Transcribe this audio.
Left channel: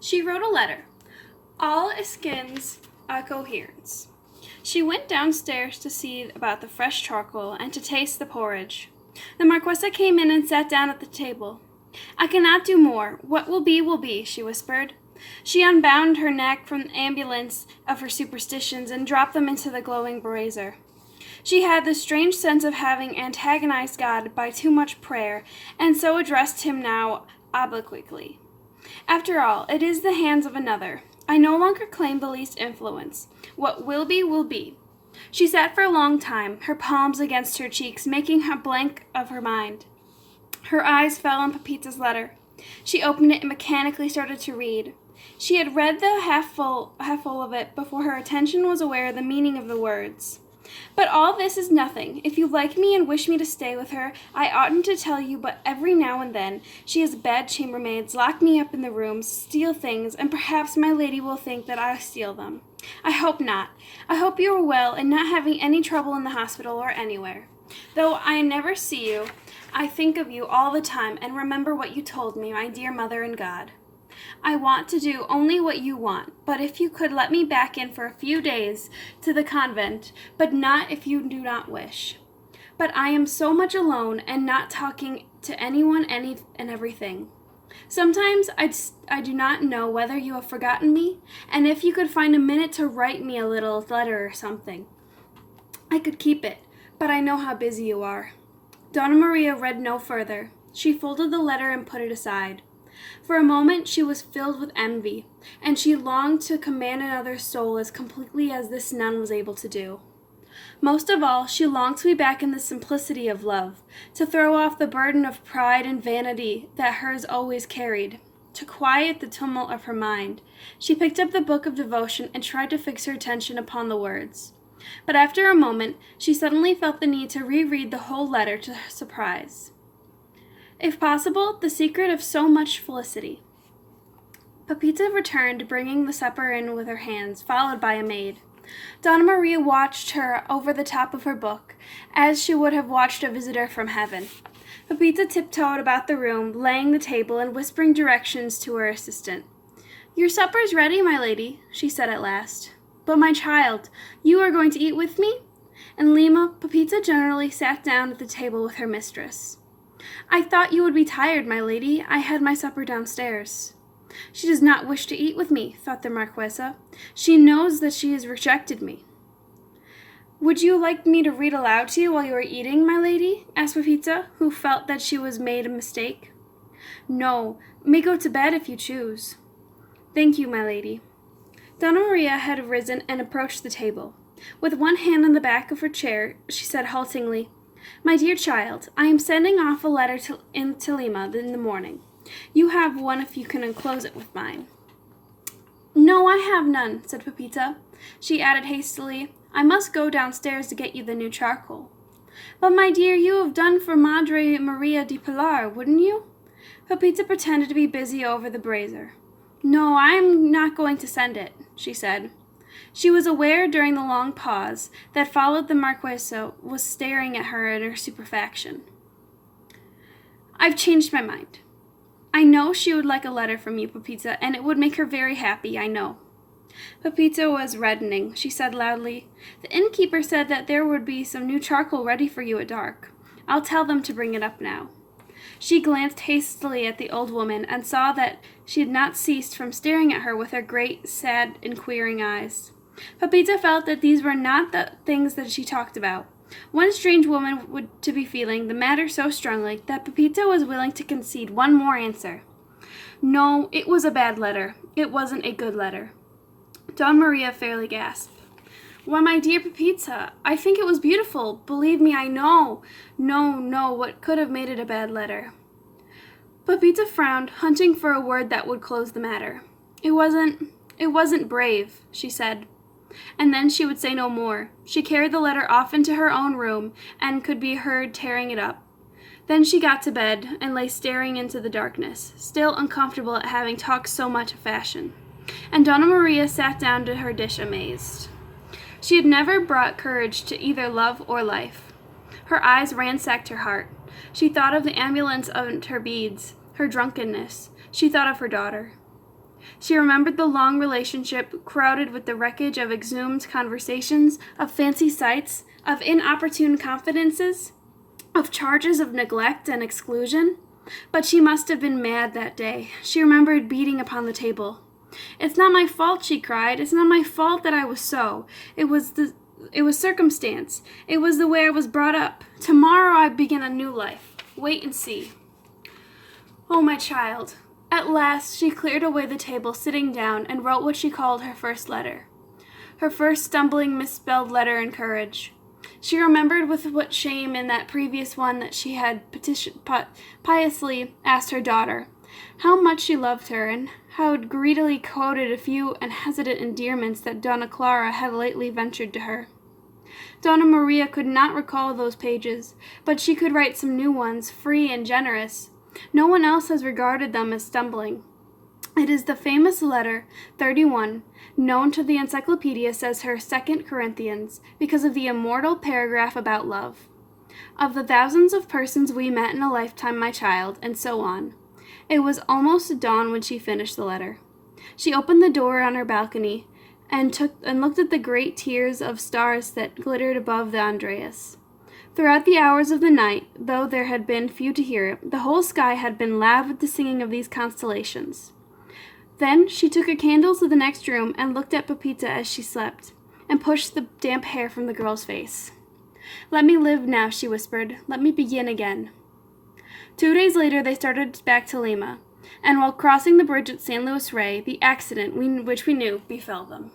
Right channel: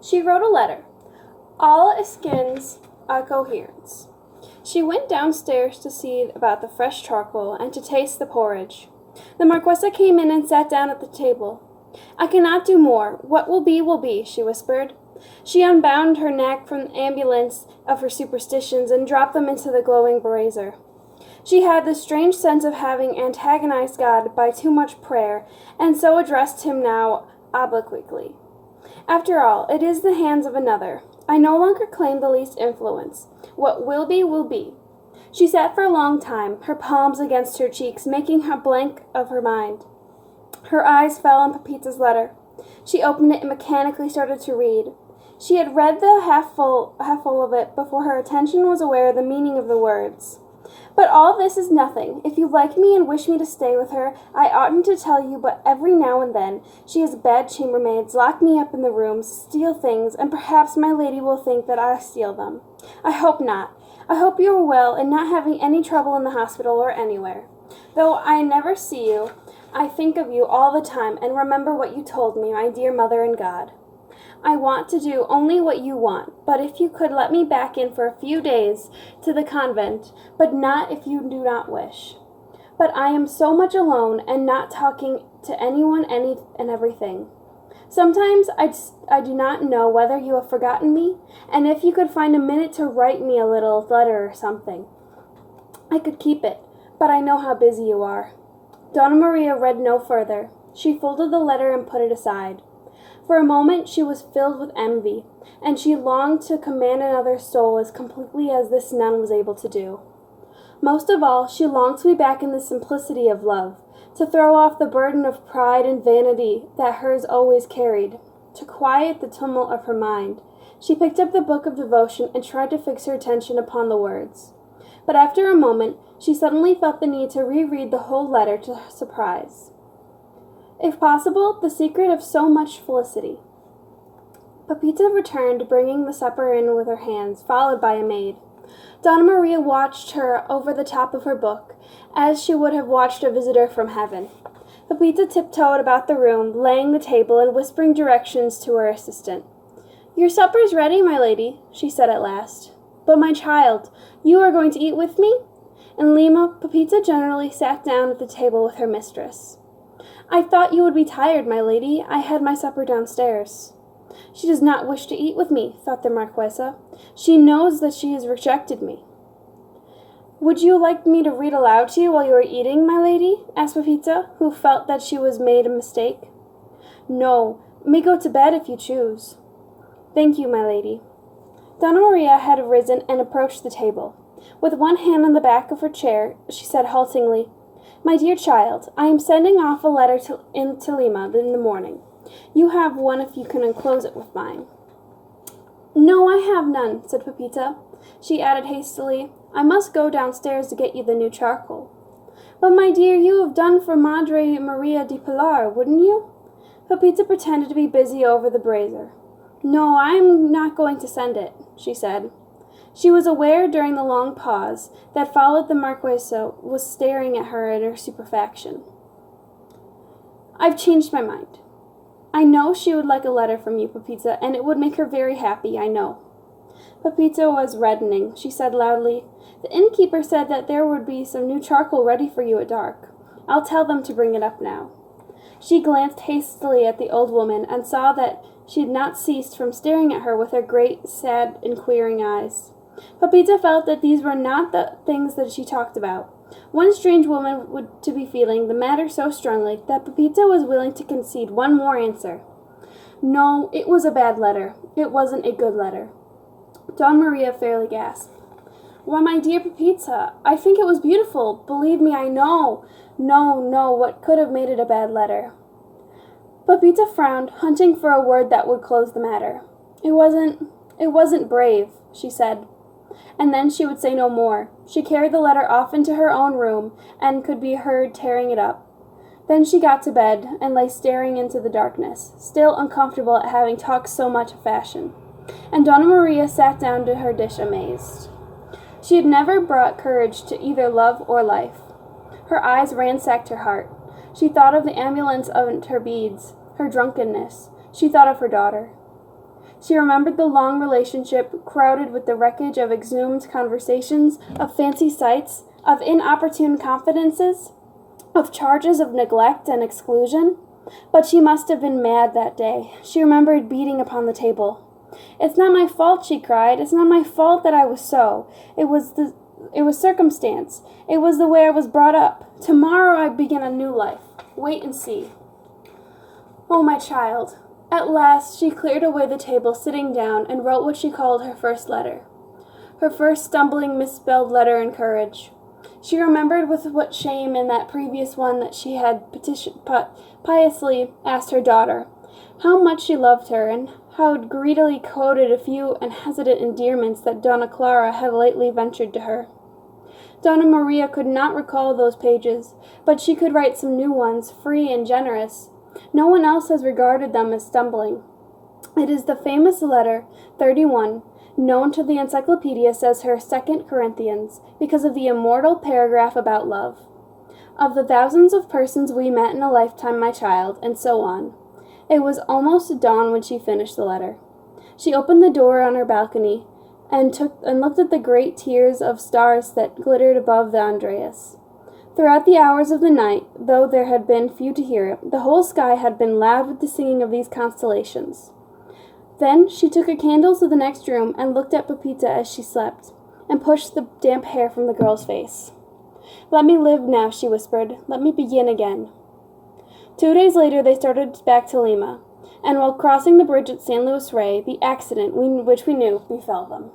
She wrote a letter, all askins a coherence. She went downstairs to see about the fresh charcoal and to taste the porridge. The Marquesa came in and sat down at the table. "I cannot do more. What will be, she whispered. She unbound her neck from the ambulance of her superstitions and dropped them into the glowing brazier. She had the strange sense of having antagonized God by too much prayer, and so addressed him now obliquely. "After all, it is the hands of another. I no longer claim the least influence. What will be, will be." She sat for a long time, her palms against her cheeks, making a blank of her mind. Her eyes fell on Pepita's letter. She opened it and mechanically started to read. She had read the half full of it before her attention was aware of the meaning of the words. "But all this is nothing. If you like me and wish me to stay with her, I oughtn't to tell you, but every now and then she has bad chambermaids, lock me up in the rooms, steal things, and perhaps my lady will think that I steal them. I hope not. I hope you are well and not having any trouble in the hospital or anywhere. Though I never see you, I think of you all the time and remember what you told me, my dear mother and God. I want to do only what you want, but if you could let me back in for a few days to the convent, but not if you do not wish. But I am so much alone and not talking to anyone and everything. Sometimes I do not know whether you have forgotten me, and if you could find a minute to write me a little letter or something. I could keep it, but I know how busy you are." Donna Maria read no further. She folded the letter and put it aside. For a moment she was filled with envy, and she longed to command another's soul as completely as this nun was able to do. Most of all, she longed to be back in the simplicity of love, to throw off the burden of pride and vanity that hers always carried, to quiet the tumult of her mind. She picked up the book of devotion and tried to fix her attention upon the words. But after a moment, she suddenly felt the need to reread the whole letter to her surprise. If possible, the secret of so much felicity. Pepita returned, bringing the supper in with her hands, followed by a maid. Donna Maria watched her over the top of her book, as she would have watched a visitor from heaven. Pepita tiptoed about the room, laying the table and whispering directions to her assistant. "Your supper's ready, my lady," she said at last. "But, my child, you are going to eat with me?" In Lima, Pepita generally sat down at the table with her mistress. "I thought you would be tired, my lady. I had my supper downstairs." "She does not wish to eat with me," thought the Marquesa. "She knows that she has rejected me." "Would you like me to read aloud to you while you are eating, my lady?" asked Pepita, who felt that she was made a mistake. "No, may go to bed if you choose." "Thank you, my lady." Donna Maria had risen and approached the table. With one hand on the back of her chair, she said haltingly, "My dear child, I am sending off a letter to Lima in the morning. You have one if you can enclose it with mine." "No, I have none," said Pepita. She added hastily, "I must go downstairs to get you the new charcoal." "But, my dear, you have done for Madre Maria di Pilar, wouldn't you?" Pepita pretended to be busy over the brazier. "No, I am not going to send it," she said. She was aware during the long pause that followed the Marquesa was staring at her in her stupefaction. "I've changed my mind. I know she would like a letter from you, Pepita, and it would make her very happy, I know." Pepita was reddening. She said loudly, "The innkeeper said that there would be some new charcoal ready for you at dark. I'll tell them to bring it up now." She glanced hastily at the old woman and saw that she had not ceased from staring at her with her great, sad, inquiring eyes. Pepita felt that these were not the things that she talked about. One strange woman would to be feeling the matter so strongly that Pepita was willing to concede one more answer. No, it was a bad letter. It wasn't a good letter. Donna Maria fairly gasped. "Why, my dear Pepita, I think it was beautiful. Believe me, I know. No, what could have made it a bad letter?" Pepita frowned, hunting for a word that would close the matter. It wasn't brave," she said. And then she would say no more. She carried the letter off into her own room and could be heard tearing it up. Then she got to bed and lay staring into the darkness, still uncomfortable at having talked so much of fashion. And Donna Maria sat down to her dish amazed. She had never brought courage to either love or life. Her eyes ransacked her heart. She thought of the ambulance and her beads, her drunkenness. She thought of her daughter. She remembered the long relationship crowded with the wreckage of exhumed conversations, of fancy sights, of inopportune confidences, of charges of neglect and exclusion. But she must have been mad that day. She remembered beating upon the table. "It's not my fault," she cried. "It's not my fault that I was so. It was circumstance. It was the way I was brought up. Tomorrow I begin a new life. Wait and see." Oh, my child. At last she cleared away the table, sitting down, and wrote what she called her first letter. Her first stumbling, misspelled letter in courage. She remembered with what shame in that previous one that she had piously asked her daughter how much she loved her, and how greedily quoted a few and hesitant endearments that Donna Clara had lately ventured to her. Donna Maria could not recall those pages, but she could write some new ones, free and generous. No one else has regarded them as stumbling. It is the famous letter 31, known to the encyclopedias as her 2 Corinthians, because of the immortal paragraph about love. "Of the thousands of persons we met in a lifetime, my child," and so on. It was almost dawn when she finished the letter. She opened the door on her balcony and looked at the great tiers of stars that glittered above the Andreas. Throughout the hours of the night, though there had been few to hear it, the whole sky had been loud with the singing of these constellations. Then she took a candle to the next room and looked at Pepita as she slept, and pushed the damp hair from the girl's face. "Let me live now," she whispered. "Let me begin again." 2 days later they started back to Lima, and while crossing the bridge at San Luis Rey, the accident which we knew befell them.